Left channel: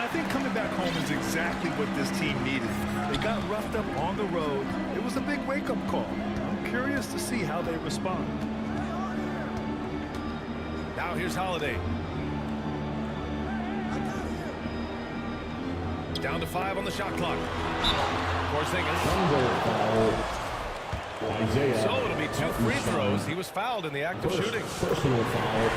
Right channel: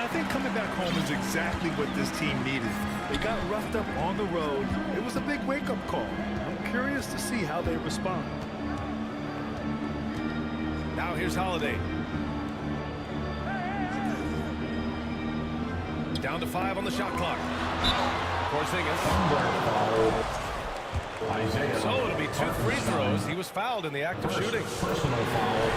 And I think coming back home is exactly what this team needed. They got roughed up on the road. It was a big wake-up call. I'm curious to see how they respond. Now here's Holiday. Down to 5 on the shot clock. Porzingis. Foul. Isaiah. So it'll be 2 free throws. He was fouled in the act of shooting. Personal foul.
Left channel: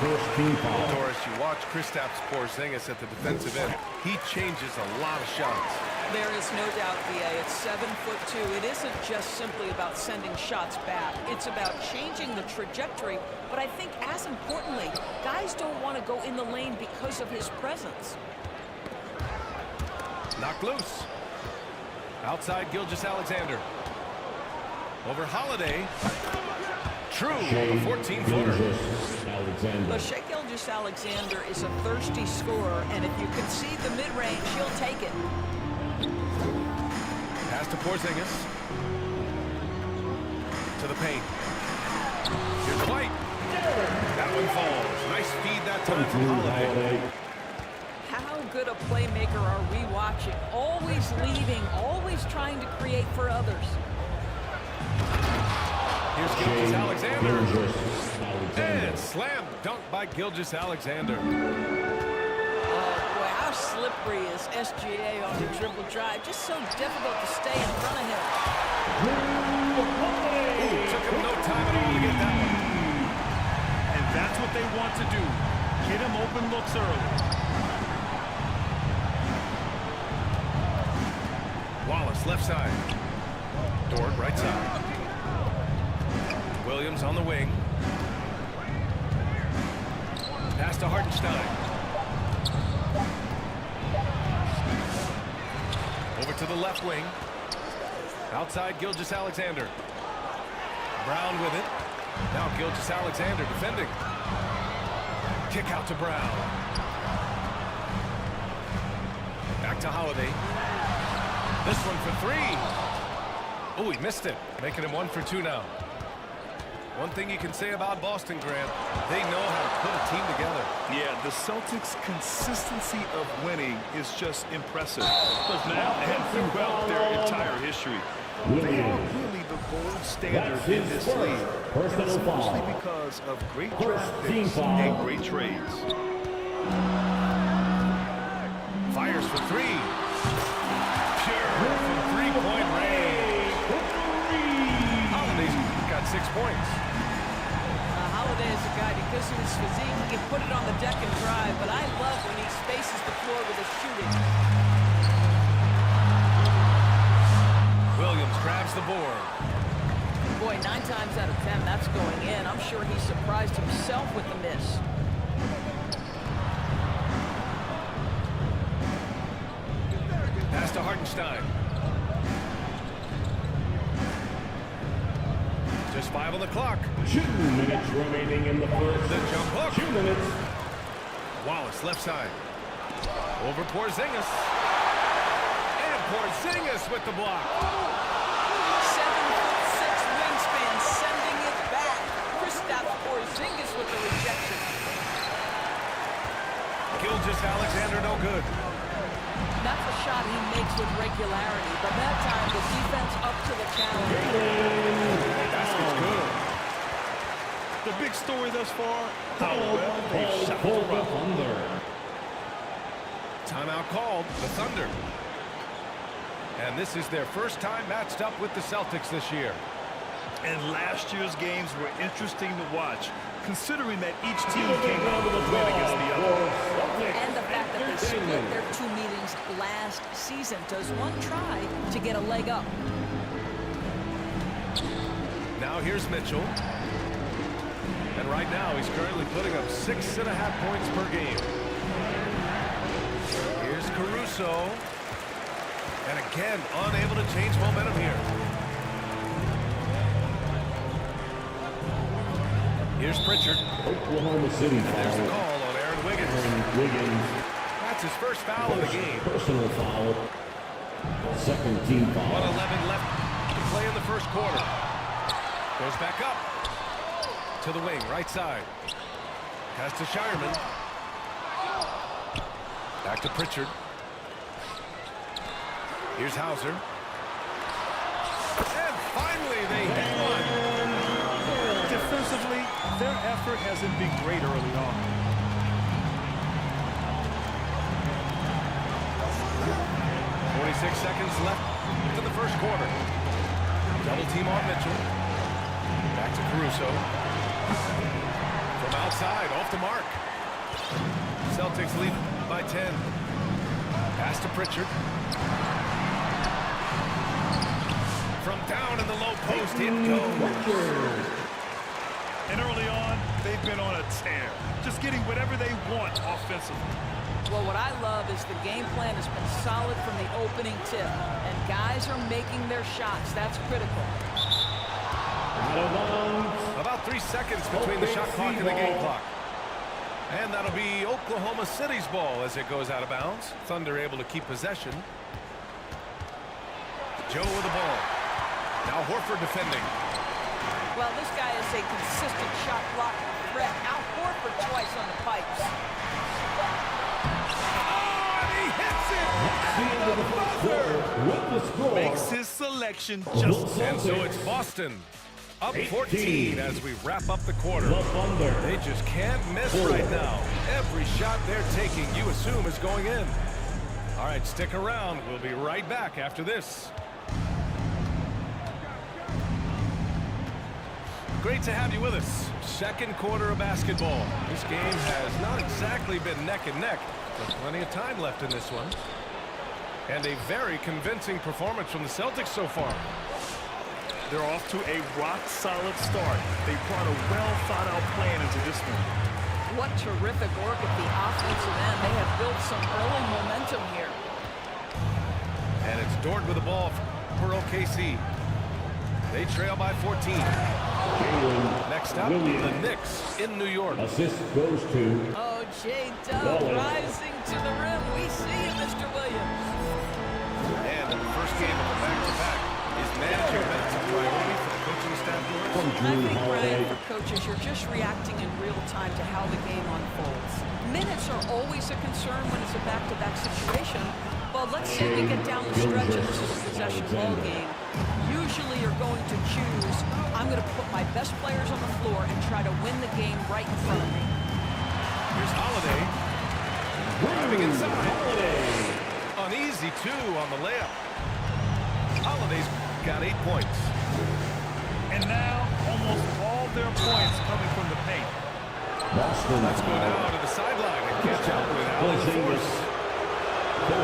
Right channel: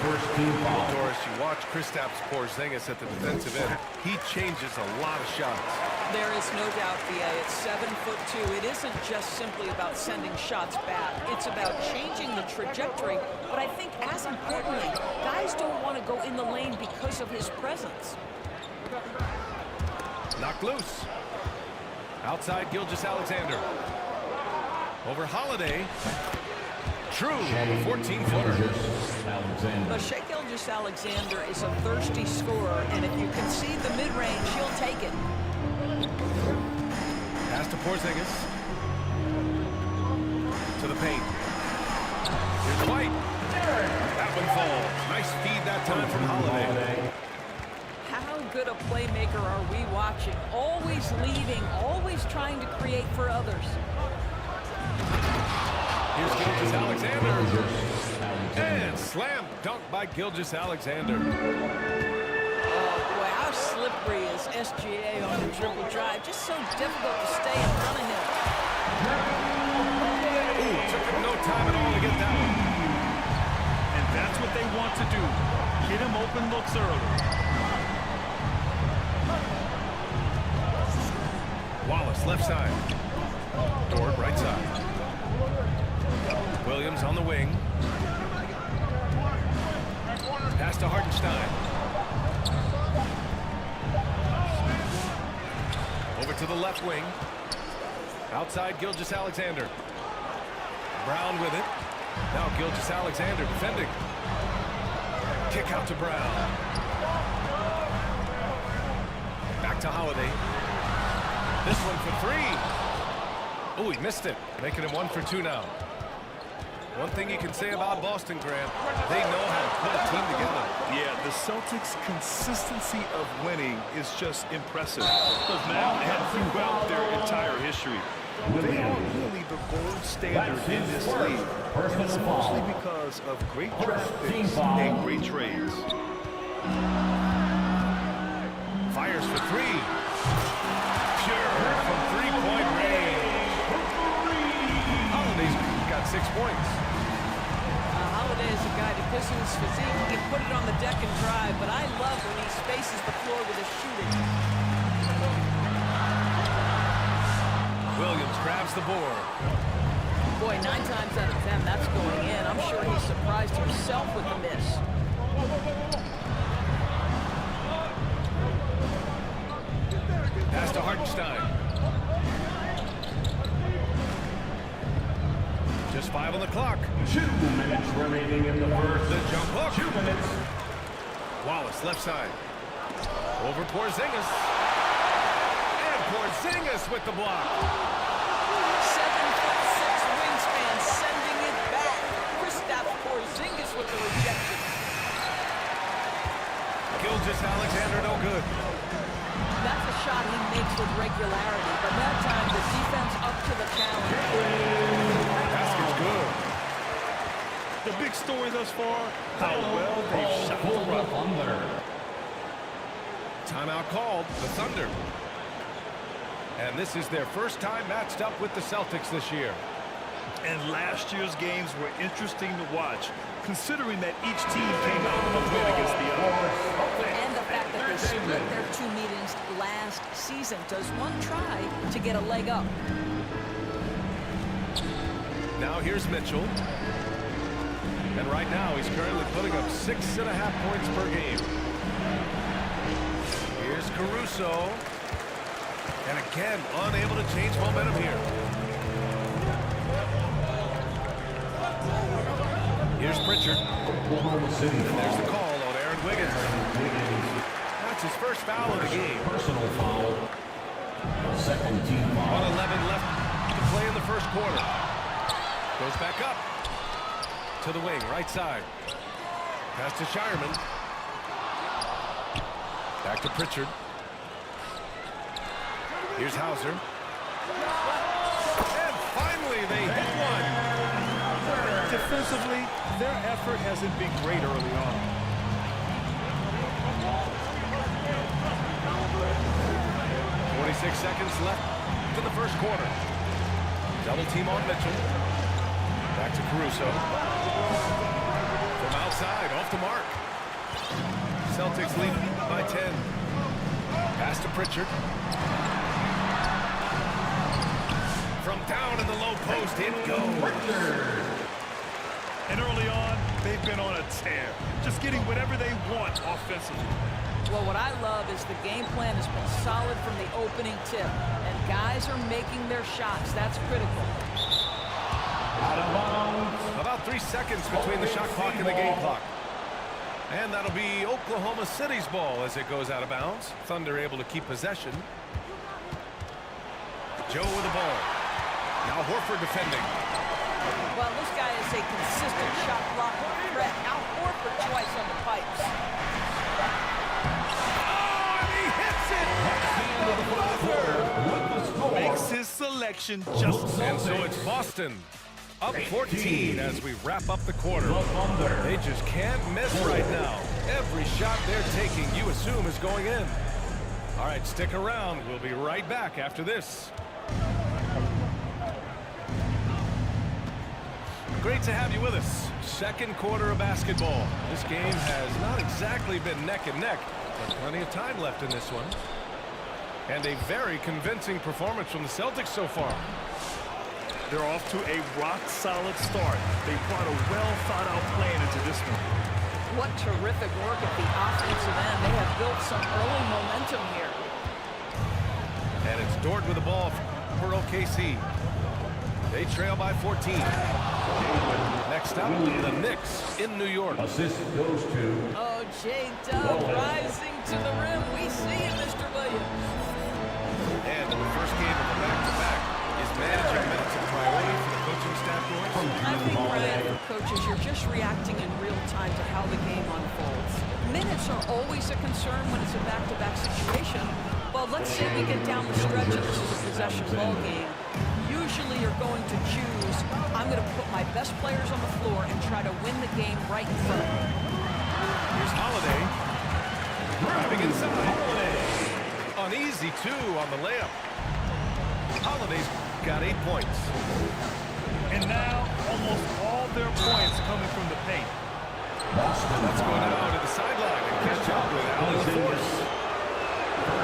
First team foul. Well, Doris, you watch Kristaps Porzingis at the defensive end. He changes a lot of shots. There is no doubt, VA. It's 7'2". It isn't just simply about sending shots back. It's about changing the trajectory. But I think as importantly, guys don't want to go in the lane because of his presence. Knocked loose. Outside Gilgeous-Alexander. Over Holiday. True on the 14-footer. But Shai Gilgeous-Alexander is a thirsty scorer, and if you concede the mid-range, he'll take it. Pass to Porzingis. To the paint. Here's White. That one falls. Nice feed that time from Holiday. How good a playmaker are we watching? Always leading, always trying to create for others. Here's Gilgeous-Alexander. And slam dunk by Gilgeous-Alexander. Oh, boy, how slippery is SGA on the dribble drive. Just so difficult to stay in front of him. Ooh, took him no time at all to get that one. And that's what they want to do. Get him open looks early. Wallace, left side. Dort, right side. Williams on the wing. Pass to Hartenstein. Over to the left wing. Outside Gilgeous-Alexander. Brown with it. Now Gilgeous-Alexander defending. Kick out to Brown. Back to Holiday. This one for 3. Oh, he missed it. Making him 1 for 2 now. One thing you can say about Boston, Grant, they know how to put a team together. Yeah, the Celtics' consistency of winning is just impressive. Now and throughout their entire history. They are really the gold standard in this league. And it's mostly because of great draft picks and great trades. Fires for 3. Pure from 3-point range. Holiday's got 6 points. Holiday is a guy, because of his physique, he can put it on the deck and drive, but I love when he spaces the floor with his shooting. Williams grabs the board. Boy, 9 times out of 10, that's going in. I'm sure he surprised himself with the miss. Pass to Hartenstein. Just 5 on the clock. 2 minutes remaining in the first. The jump hook. 2 minutes. Wallace, left side. Over Porzingis. And Porzingis with the block. 7'6" wingspan, sending it back. Kristaps Porzingis with the rejection. Gilgeous-Alexander no good. That's a shot he makes with regularity, but that time the defense up to the challenge. Basket's good. The big story thus far, how well they've shot the rock. Timeout called, the Thunder. And this is their first time matched up with the Celtics this year. And last year's games were interesting to watch, considering that each team came out with a win against the other. And the fact that they split their 2 meetings last season. Does one try to get a leg up? Now here's Mitchell. And right now he's currently putting up 6.5 points per game. Here's Caruso. And again, unable to change momentum here. Here's Pritchard. Oklahoma City. And there's the call on Aaron Wiggins. That's his first foul of the game. Personal foul. Second team foul. 1:11 left to play in the first quarter. Goes back up to the wing, right side. Pass to Shireman. Back to Pritchard. Here's Hauser. And finally they hit one. Defensively, their effort hasn't been great early on. Seconds left in the first quarter. Double team on Mitchell. Back to Caruso. From outside, off the mark. Celtics lead by 10. Pass to Pritchard. From down in the low post, it goes. And early on, they've been on a tear. Just getting whatever they want offensively. Well, what I love is the game plan has been solid from the opening tip, and guys are making their shots. That's critical. Out of bounds. About 3 seconds between the shot clock and the game clock. And that'll be Oklahoma City's ball as it goes out of bounds. Thunder able to keep possession. Joe with the ball. Now Horford defending. Well, this guy is a consistent shot blocking threat. Now Horford twice on the pipes. Hits it at the buzzer. With the score. Makes his selection just. And so it's Boston up 14 as we wrap up the quarter. They just can't miss right now. Every shot they're taking, you assume, is going in. All right, stick around. We'll be right back after this. Great to have you with us. Second quarter of basketball. This game has not exactly been neck and neck, but plenty of time left in this one. And a very convincing performance from the Celtics so far. They're off to a rock-solid start. They brought a well-thought-out plan into this one. What terrific work at the offensive end. They have built some early momentum here. And it's Dort with the ball for OKC. They trail by 14. Next up, the Knicks in New York. Assist goes to. Oh, J-Dub rising to the rim. We see you, Mr. Williams. And in the first game of the back-to-back, is managing minutes a priority for the coaching staff, Doris? I think, Brian, for coaches, you're just reacting in real time to how the game unfolds. Minutes are always a concern when it's a back-to-back situation. But let's say we get down the stretch and this is a possession ball game. Usually you're going to choose, I'm going to put my best players on the floor and try to win the game right in front of me. Here's Holiday. Driving inside. Uneasy, too, on the layup. Holiday's got 8 points. And now, almost all their points coming from the paint. Boston. Let's go now to the sideline and catch up with Allie LaForce.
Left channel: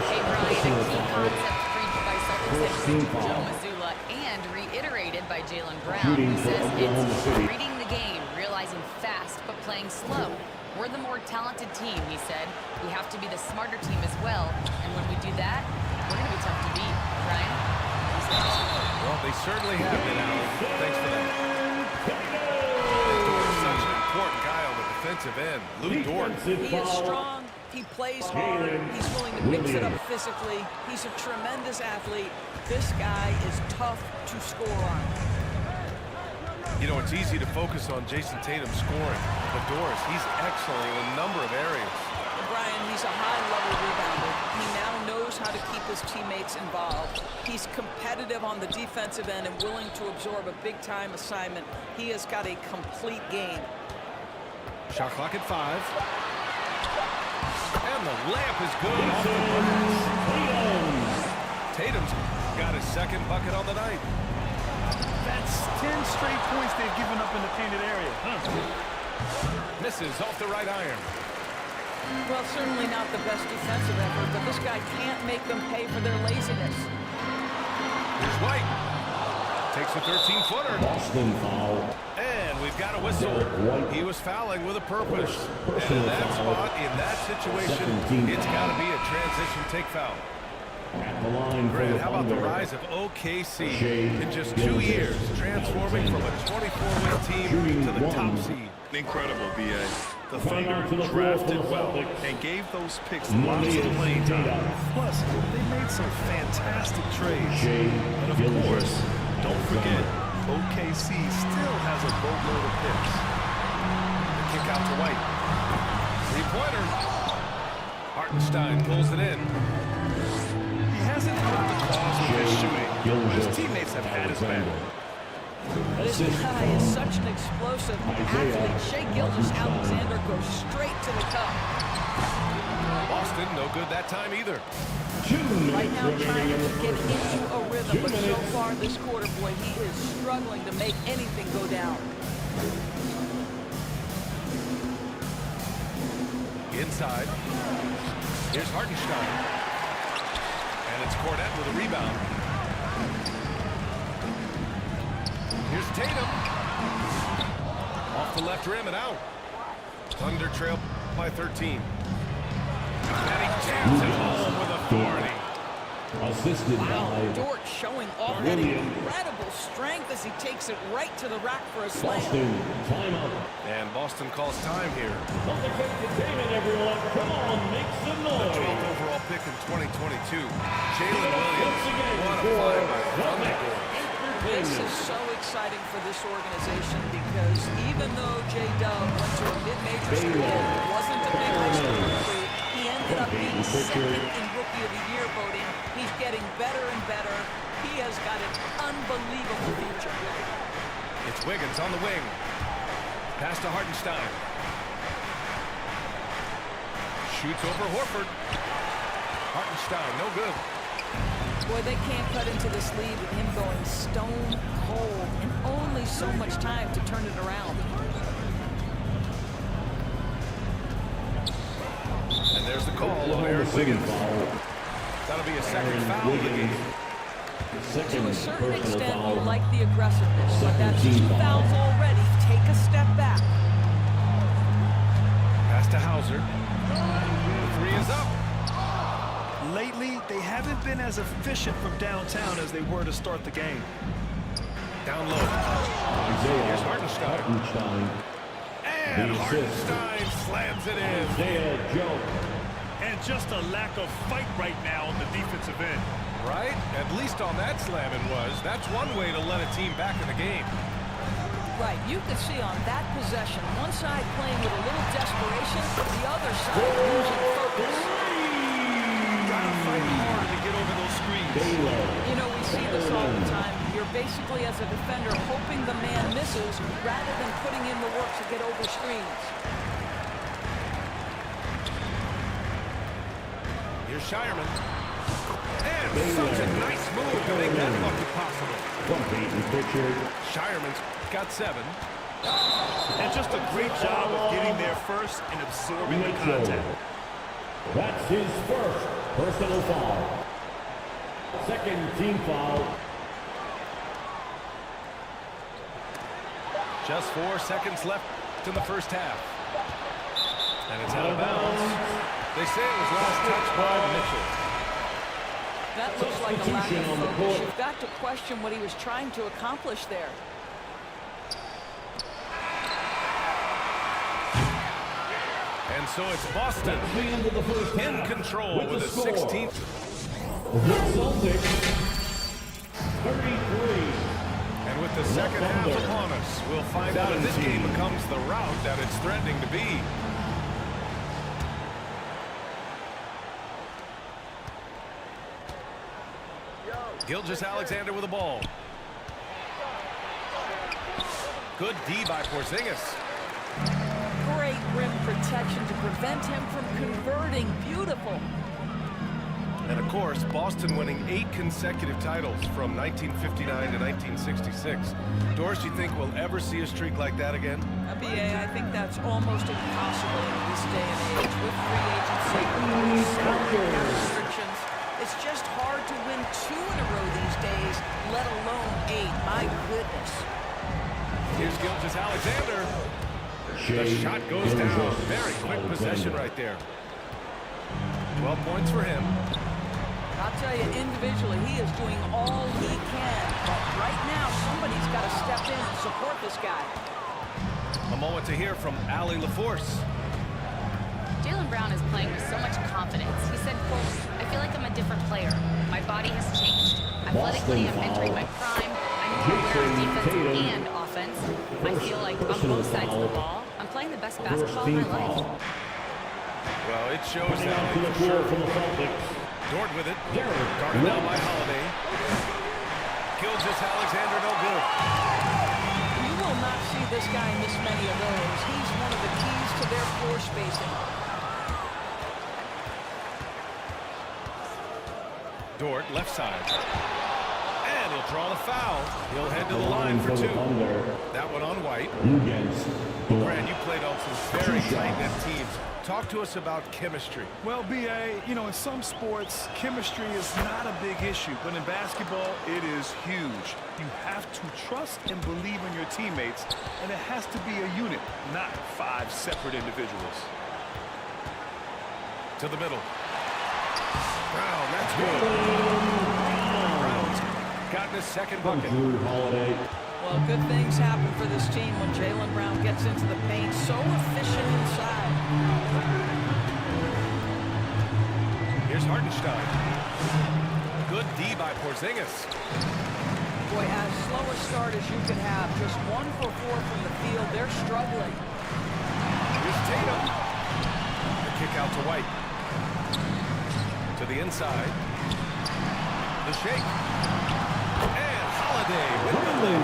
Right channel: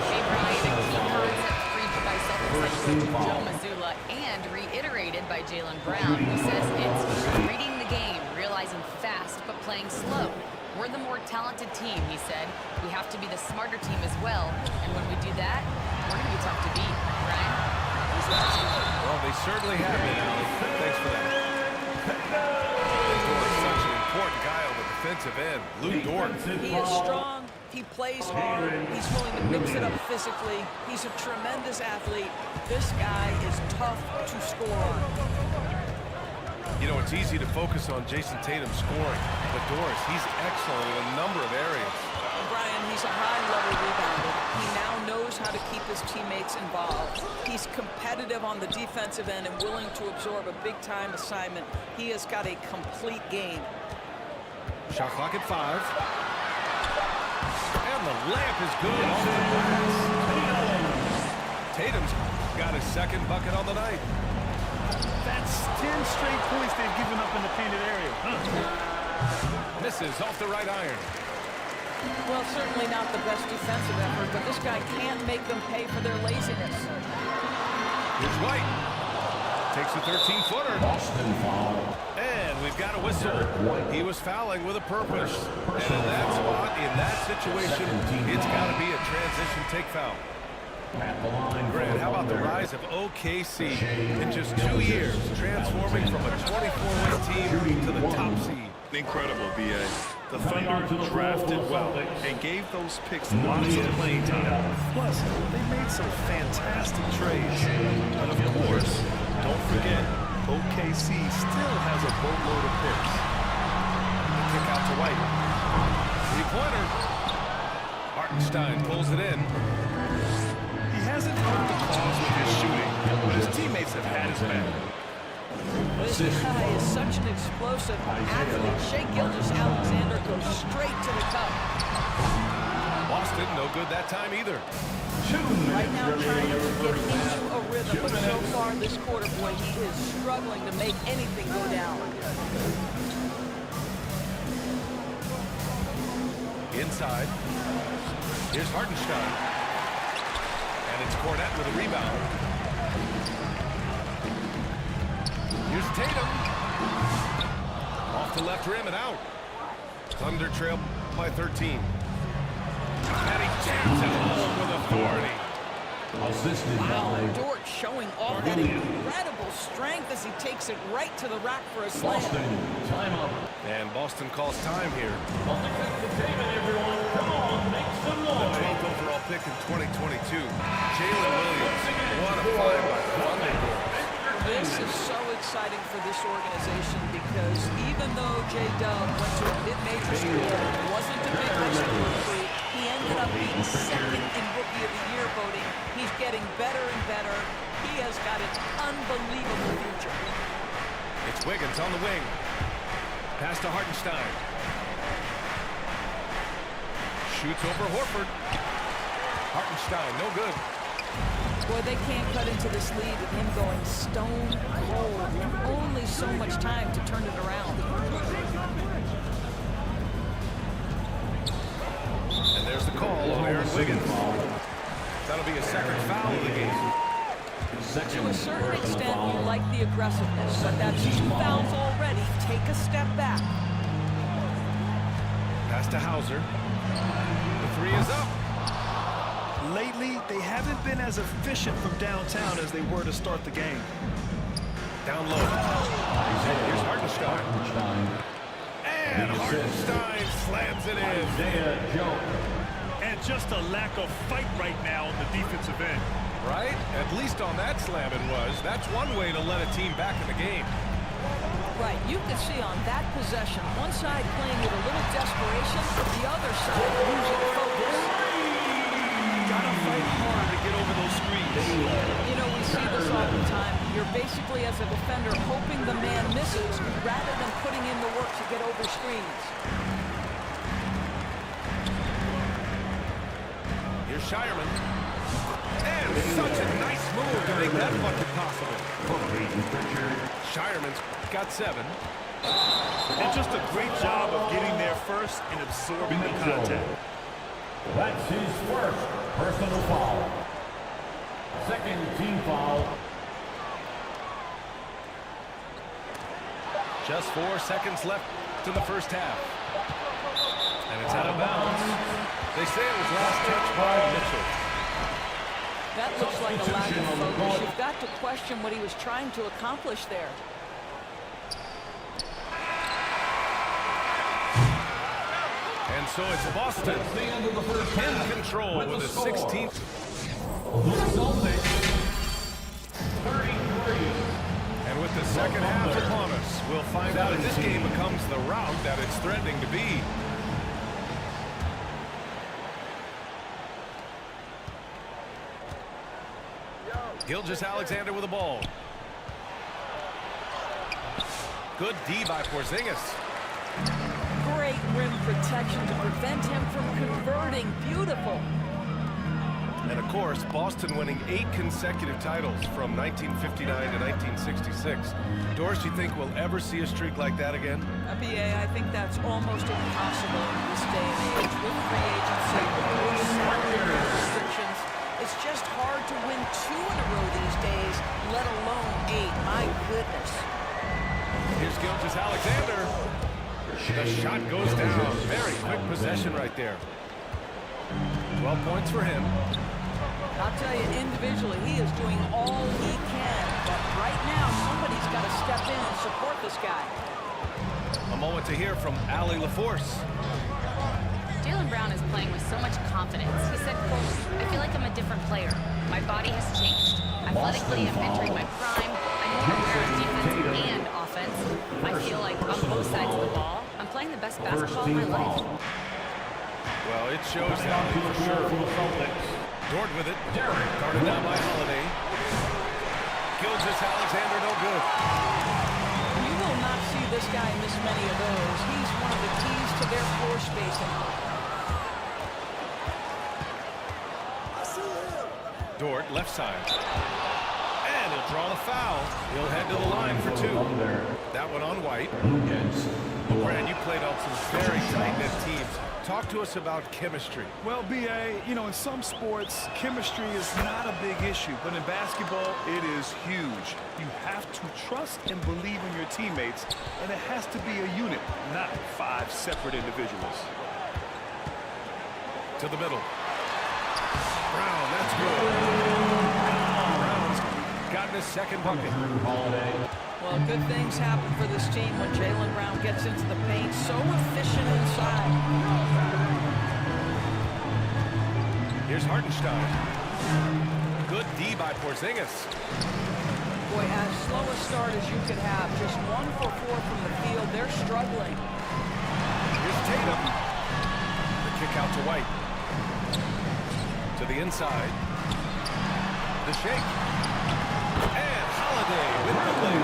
Hey, Brian, a key concept preached by Celtics head coach Joe Mazzulla and reiterated by Jaylen Brown, who says it's reading the game, realizing fast but playing slow. We're the more talented team, he said. We have to be the smarter team as well, and when we do that, we're going to be tough to beat. Brian? Well, they certainly have been, Allie. Thanks for that. And Dort is such an important guy on the defensive end. Lou Dort. He is strong. He plays hard. He's willing to mix it up physically. He's a tremendous athlete. This guy is tough to score on. You know, it's easy to focus on Jason Tatum scoring, but Doris, he's excellent in a number of areas. Brian, he's a high-level rebounder. He now knows how to keep his teammates involved. He's competitive on the defensive end and willing to absorb a big-time assignment. He has got a complete game. Shot clock at 5. And the layup is good off the glass. Tatum's got his second bucket on the night. That's 10 straight points they've given up in the painted area. Misses off the right iron. Well, certainly not the best defensive effort, but this guy can't make them pay for their laziness. Here's White. Takes a 13-footer. Boston foul. And we've got a whistle. He was fouling with a purpose. And in that spot, in that situation, it's got to be a transition take foul. At the line. Grant, how about the rise of OKC in just 2 years, transforming from a 24-win team to the top seed? Incredible, B.A. The Thunder drafted well and gave those picks lots of playing time. Plus, they made some fantastic trades. And of course, don't forget, OKC still has a boatload of picks. The kick out to White. Three-pointer. Hartenstein pulls it in. He hasn't hurt the cause with his shooting, but his teammates have had his back. This guy is such an explosive athlete. Shai Gilgeous-Alexander goes straight to the cup. Boston, no good that time either. Right now trying to get into a rhythm, but so far this quarter, boy, he is struggling to make anything go down. Inside. Here's Hartenstein. And it's Cornette with a rebound. Here's Tatum. Off the left rim and out. Thunder trail by 13. And he jams it home with authority. Assisted Wow, by Dort showing off that incredible strength as he takes it right to the rack for a slam. Boston. Timeout. And Boston calls time here. On the containment, everyone. Come on, make some The noise. 12th overall pick in 2022. Jalen Williams. What a find by Thunder Dort. This is so exciting for this organization because even though J-Dub went to a mid-major school, wasn't a big high school recruit, he ended up being second in Rookie of the Year voting. He's getting better and better. He has got an unbelievable future. It's Wiggins on the wing. Pass to Hartenstein. Shoots over Horford. Hartenstein, no good. Boy, they can't cut into this lead with him going stone cold and only so much time to turn it around. And there's the call on Aaron Wiggins. That'll be a second foul of the game. To a certain extent, you like the aggressiveness, but that's 2 fouls already. Take a step back. Pass to Hauser. The three is up. Lately, they haven't been as efficient from downtown as they were to start the game. Down low. Here's Hartenstein. And Hartenstein slams it in. Isaiah Joe. And just a lack of fight right now on the defensive end. Right? At least on that slam it was. That's one way to let a team back in the game. Right, you could see on that possession, one side playing with a little desperation, the other side losing focus. Gotta fight hard to get over those screens. You know, we see this all the time. You're basically, as a defender, hoping the man misses rather than putting in the work to get over screens. Here's Shireman. And such a nice move to make that bucket possible. From Peyton Pritchard. Shireman's got 7. And just a great job of getting there first and absorbing the contact. That's his first personal foul. Second team foul. Just 4 seconds left in the first half. And it's out of bounds. They say it was last touched by Mitchell. That looks like a lack of focus. You've got to question what he was trying to accomplish there. And so it's Boston in control with the 16th. The Celtics, 33. And with the second half upon us, we'll find out if this game becomes the rout that it's threatening to be. Gilgeous-Alexander with the ball. Good D by Porzingis. Great rim protection to prevent him from converting. Beautiful. And of course, Boston winning 8 consecutive titles from 1959 to 1966. Doris, you think we'll ever see a streak like that again? BA, I think that's almost impossible in this day and age with free agency, with salary cap restrictions. It's just hard to win 2 in a row these days, let alone 8. My goodness. Here's Gilgeous-Alexander. The shot goes down. Very quick possession right there. 12 points for him. I'll tell you, individually, he is doing all he can. But right now, somebody's got to step in and support this guy. A moment to hear from Allie LaForce. Jaylen Brown is playing with so much confidence. He said, quote, I feel like I'm a different player. My body has changed. Athletically, I'm entering my prime. I'm more aware of defense and offense. I feel like on both sides of the ball, I'm playing the best basketball of my life. Well, it shows that for sure. Dort with it. Guarded down by Holiday. Gilgeous-Alexander, no good. You will not see this guy miss many of those. He's one of the keys to their floor spacing. Dort, left side. And he'll draw the foul. He'll head to the line for two. That one on White. Grant, you played on some very tight-knit teams. Talk to us about chemistry. Well, B.A., you know, in some sports, chemistry is not a big issue. But in basketball, it is huge. You have to trust and believe in your teammates, and it has to be a unit, not 5 separate individuals. To the middle. Brown, that's good. Brown's gotten his second bucket. Well, good things happen for this team when Jaylen Brown gets into the paint. So efficient inside. Here's Hartenstein. Good D by Porzingis. Boy, as slow a start as you could have. Just 1 for 4 from the field. They're struggling. Here's Tatum. The kick out to White. To the inside. The shake. And Holiday with the lead.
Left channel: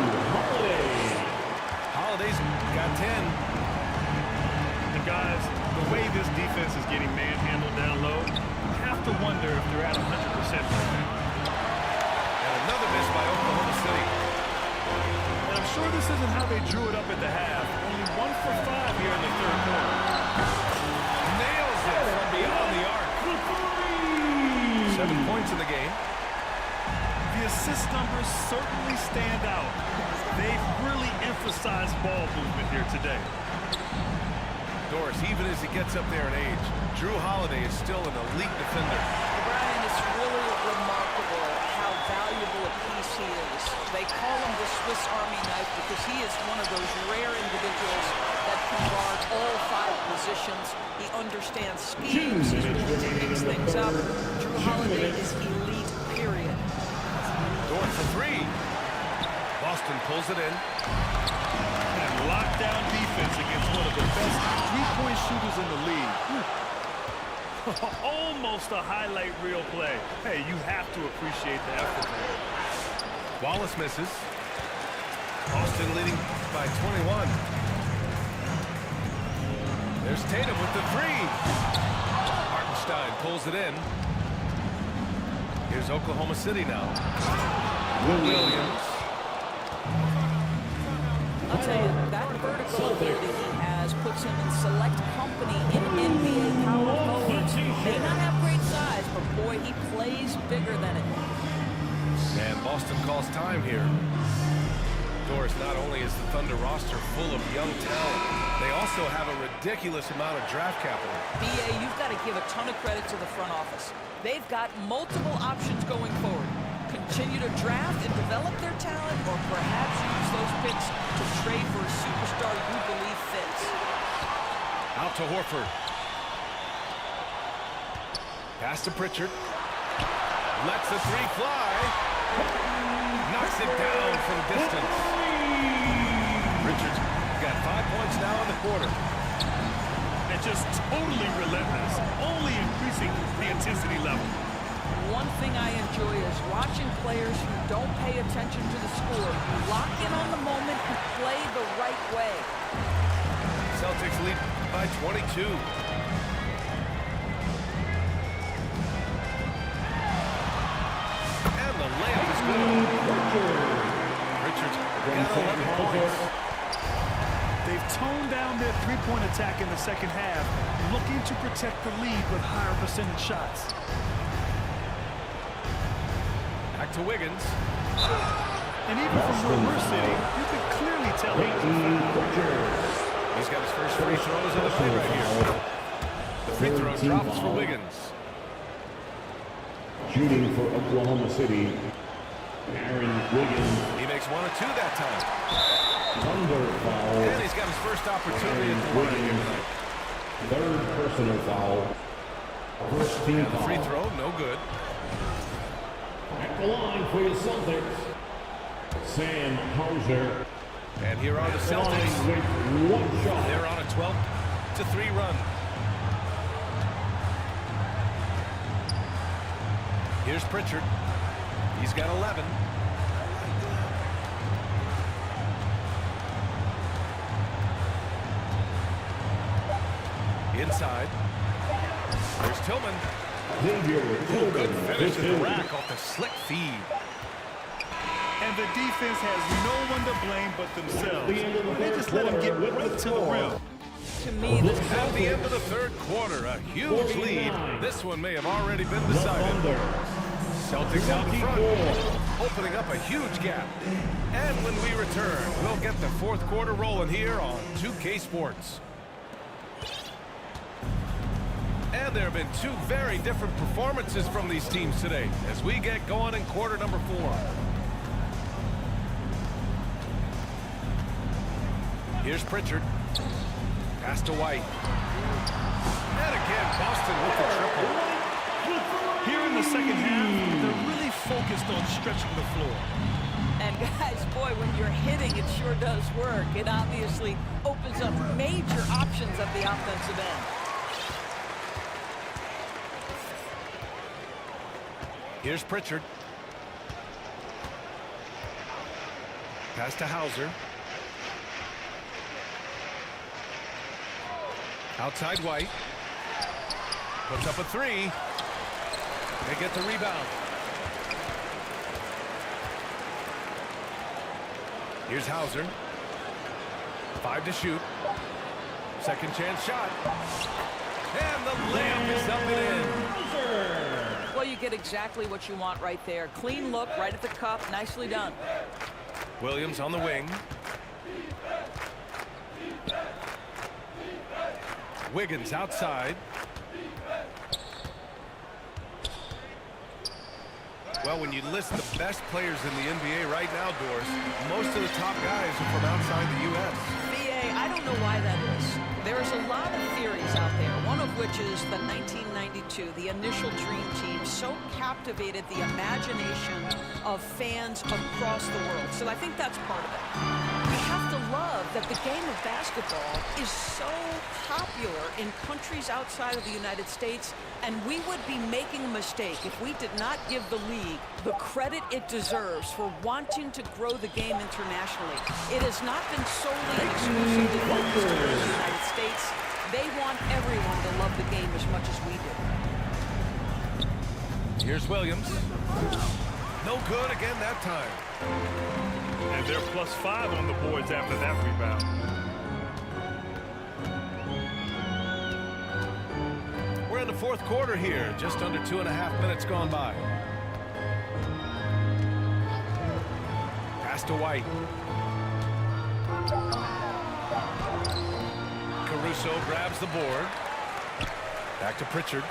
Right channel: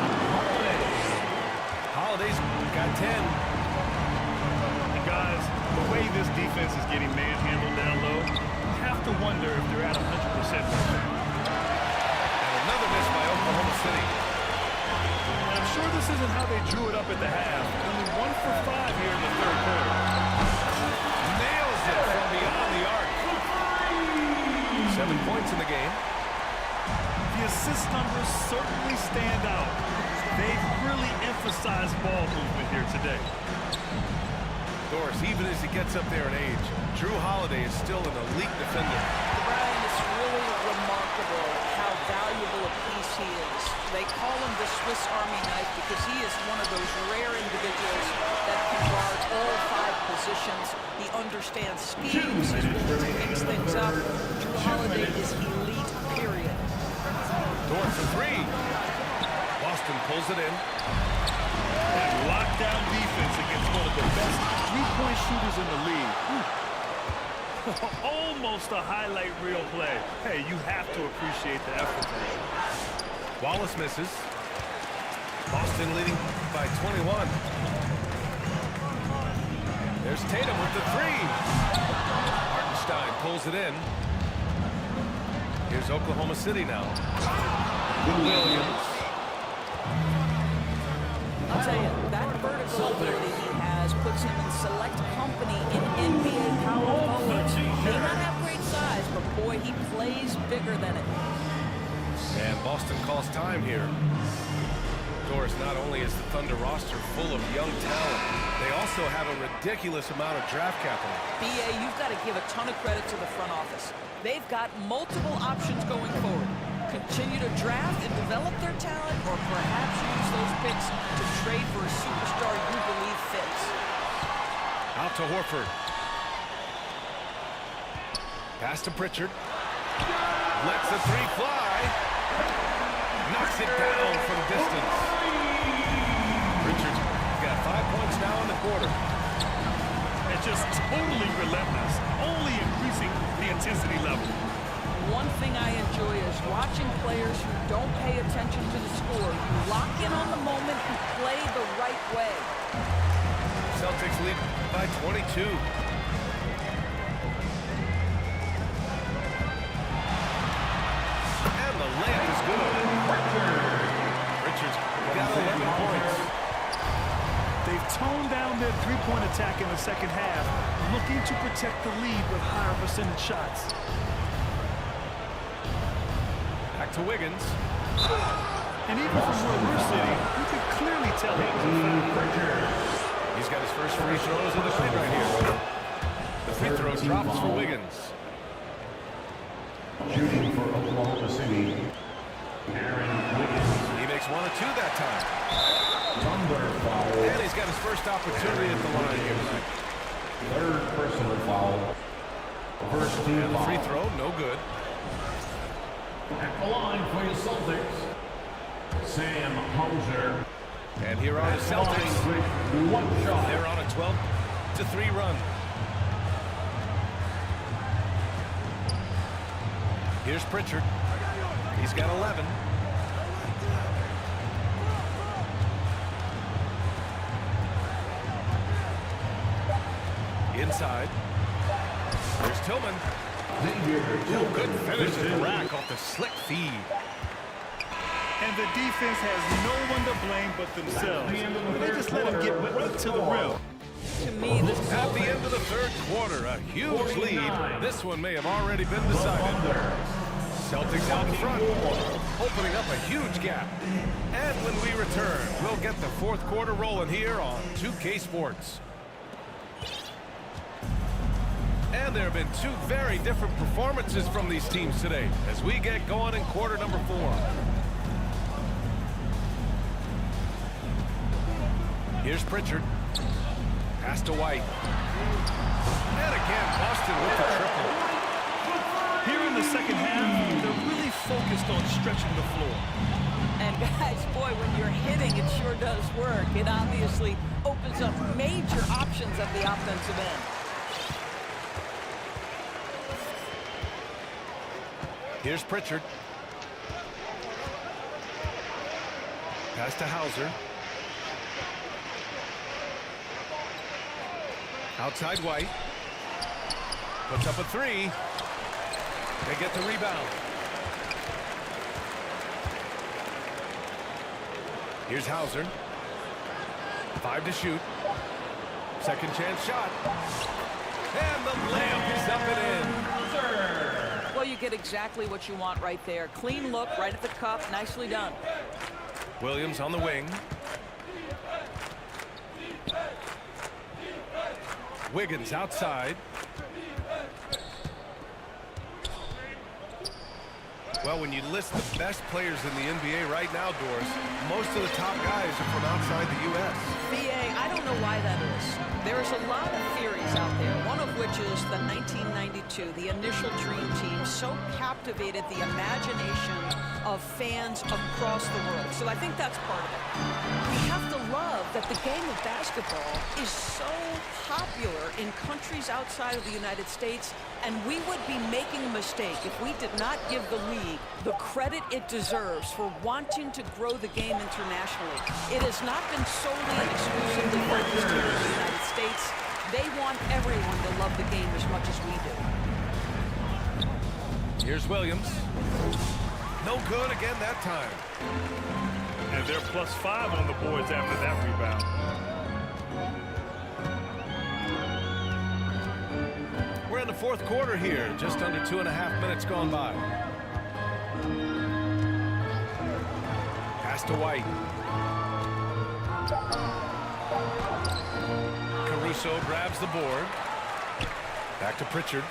Holiday's got 10. And guys, the way this defense is getting manhandled down low, you have to wonder if they're at 100% right now. And another miss by Oklahoma City. And I'm sure this isn't how they drew it up at the half. Only 1 for 5 here in the third quarter. Nails it from beyond the arc. 7 points in the game. The assist numbers certainly stand out. They've really emphasized ball movement here today. Doris, even as he gets up there in age, Drew Holiday is still an elite defender. Brian, it's really remarkable how valuable a piece he is. They call him the Swiss Army knife because he is one of those rare individuals that can guard all 5 positions. He understands schemes. He's willing to mix things up. Drew Holiday is elite, period. Dort for 3. Boston pulls it in. And lockdown defense against one of the best three-point shooters in the league. Almost a highlight reel play. Hey, you have to appreciate the effort there. Wallace misses. Boston leading by 21. There's Tatum with the 3. Hartenstein pulls it in. Here's Oklahoma City now. Williams. I'll tell you, that vertical ability he has puts him in select company in NBA power forwards. May not have great size, but boy, he plays bigger than it. And Boston calls time here. Doris, not only is the Thunder roster full of young talent, they also have a ridiculous amount of draft capital. BA, you've got to give a ton of credit to the front office. They've got multiple options going forward. Continue to draft and develop their talent, or perhaps use those picks to trade for a superstar you believe fits. Out to Horford. Pass to Pritchard. Lets the 3 fly. Knocks it down from distance. Pritchard's got 5 points now in the quarter. And just totally relentless, only increasing the intensity level. One thing I enjoy is watching players who don't pay attention to the score. You lock in on the moment and play the right way. Celtics lead by 22. And the layup is good. Richards got 11 points. They've toned down their three-point attack in the second half, looking to protect the lead with higher percentage shots. Back to Wiggins. And even from where we're sitting, you can clearly tell it was a foul. He's got his first free throws of the night right here. The free throw drops for Wiggins. Shooting for Oklahoma City, Aaron Wiggins. He makes 1 of 2 that time. Thunder foul. And he's got his first opportunity at the line here tonight. 3rd personal foul. First team And the foul. free throw, no good. At the line for your Celtics, Sam Hauser. And here are the Celtics. With 1 shot. They're on a 12-3 run. Here's Pritchard. He's got 11. Inside. Here's Tillman. Oh, good finish at the rack off the slick feed. And the defense has no one to blame but themselves. They just let him get right to the rim. To me, this At the end of the third quarter, a huge lead. This one may have already been decided. Celtics out in front, opening up a huge gap. And when we return, we'll get the fourth quarter rolling here on 2K Sports. And there have been two very different performances from these teams today as we get going in quarter number 4. Here's Pritchard. Pass to White. And again, Boston with the triple. Here in the second half, they're really focused on stretching the floor. And guys, boy, when you're hitting, it sure does work. It obviously opens up major options at the offensive end. Here's Pritchard. Pass to Hauser. Outside White. Puts up a three. They get the rebound. Here's Hauser. 5 to shoot. Second chance shot. And the layup is up and in. Well, you get exactly what you want right there. Clean look, right at the cup. Nicely done. Williams on the wing. Wiggins outside. Well, when you list the best players in the NBA right now, Doris, most of the top guys are from outside the U.S. BA, I don't know why that is. There's a lot of theories out there, one of which is the 1992, the initial Dream Team, so captivated the imagination of fans across the world. So I think that's part of it. We have to love that the game of basketball is so popular in countries outside of the United States, and we would be making a mistake if we did not give the league the credit it deserves for wanting to grow the game internationally. It has not been solely and exclusively focused here in the United States. They want everyone to love the game as much as we do. Here's Williams. No good again that time. And they're +5 on the boards after that rebound. We're in the fourth quarter here, just under 2.5 minutes gone by. Pass to White. Caruso grabs the board. Back to Pritchard.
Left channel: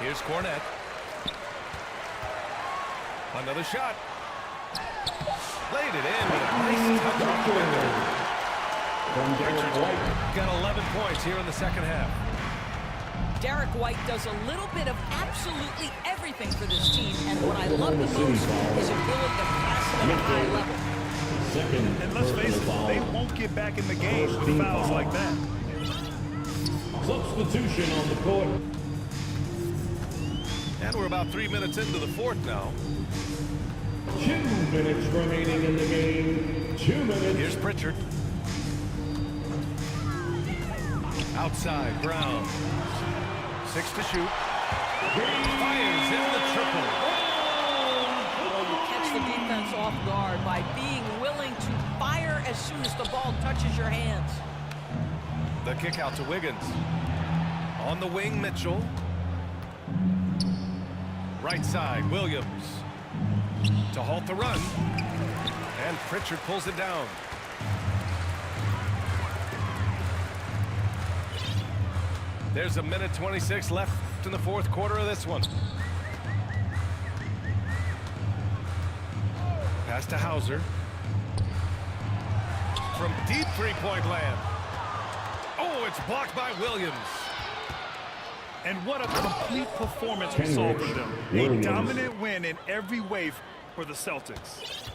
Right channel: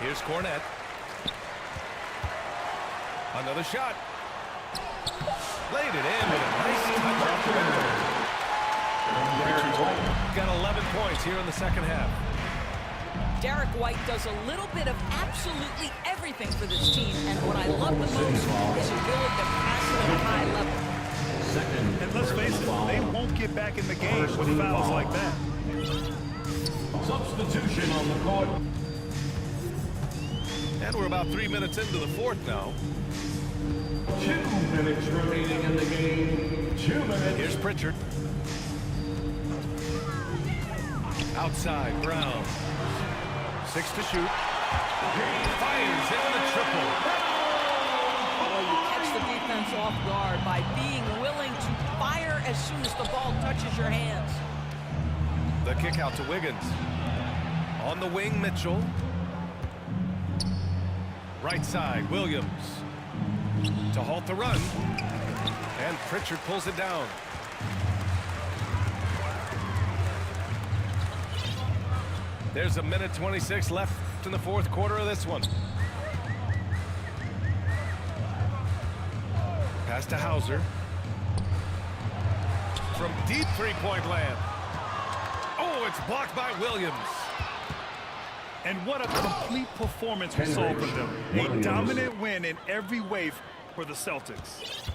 Here's Cornette. Another shot. Laid it in with a nice touch off the window. Pritchard's got 11 points here in the second half. Derek White does a little bit of absolutely everything for this team, and what I love the most is ability to pass it at a high level. And let's face it, they won't get back in the game with fouls like that. Substitution on the court. And we're about 3 minutes into the fourth now. 2 minutes remaining in the game. 2 minutes. Here's Pritchard. Outside, Brown. 6 to shoot. Fires in the triple. Well, you catch the defense off guard by being willing to fire as soon as the ball touches your hands. The kick out to Wiggins. On the wing, Mitchell. Right side, Williams. To halt the run. And Pritchard pulls it down. There's 1:26 left in the fourth quarter of this one. Pass to Hauser. From deep three-point land. Oh, it's blocked by Williams. And what a complete performance we saw from them. A dominant win in every way for the Celtics.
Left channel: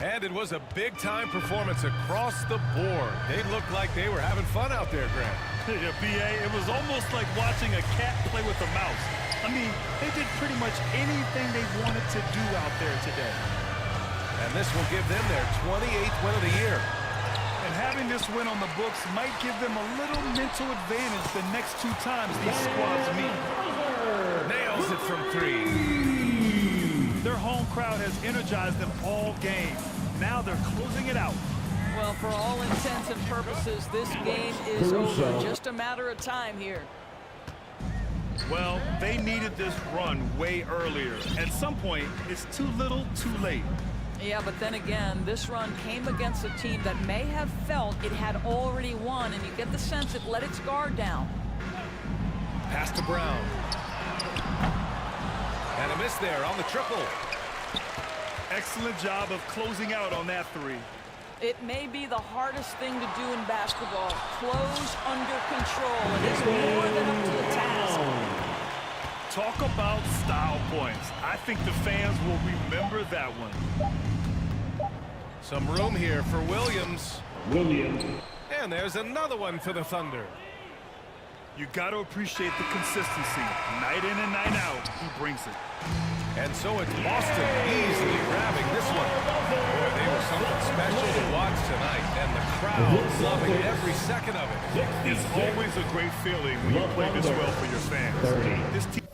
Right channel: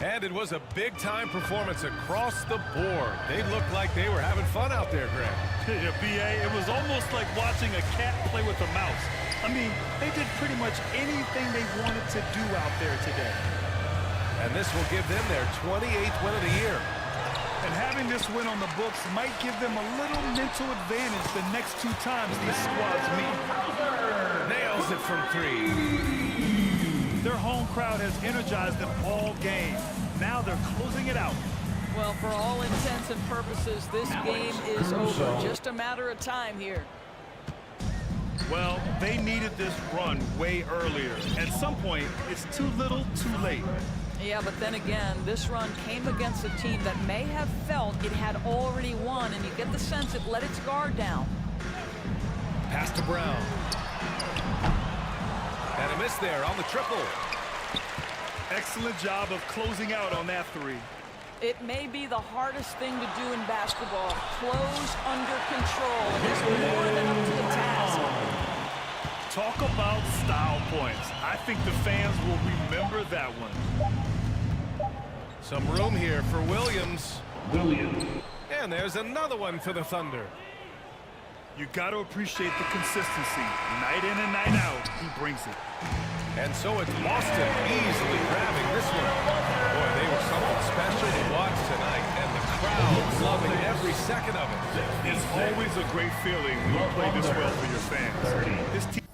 And it was a big-time performance across the board. They looked like they were having fun out there, Grant. Yeah, BA, it was almost like watching a cat play with a mouse. I mean, they did pretty much anything they wanted to do out there today. And this will give them their 28th win of the year. And having this win on the books might give them a little mental advantage the next 2 times these squads meet. Nails it from 3. Their home crowd has energized them all game. Now they're closing it out. Well, for all intents and purposes, this game is over. Just a matter of time here. Well, they needed this run way earlier. At some point, it's too little, too late. Yeah, but then again, this run came against a team that may have felt it had already won, and you get the sense it let its guard down. Pass to Brown. And a miss there on the triple. Excellent job of closing out on that 3. It may be the hardest thing to do in basketball. Close under control, and he's more than up to the task. Talk about style points. I think the fans will remember that one. Some room here for Williams. And there's another one for the Thunder. You got to appreciate the consistency. Night in and night out, he brings it. And so it's Boston easily grabbing this one. Boy, they were something special to watch tonight, and the crowd loving every second of it. It's always a great feeling when you play this well for your fans. This team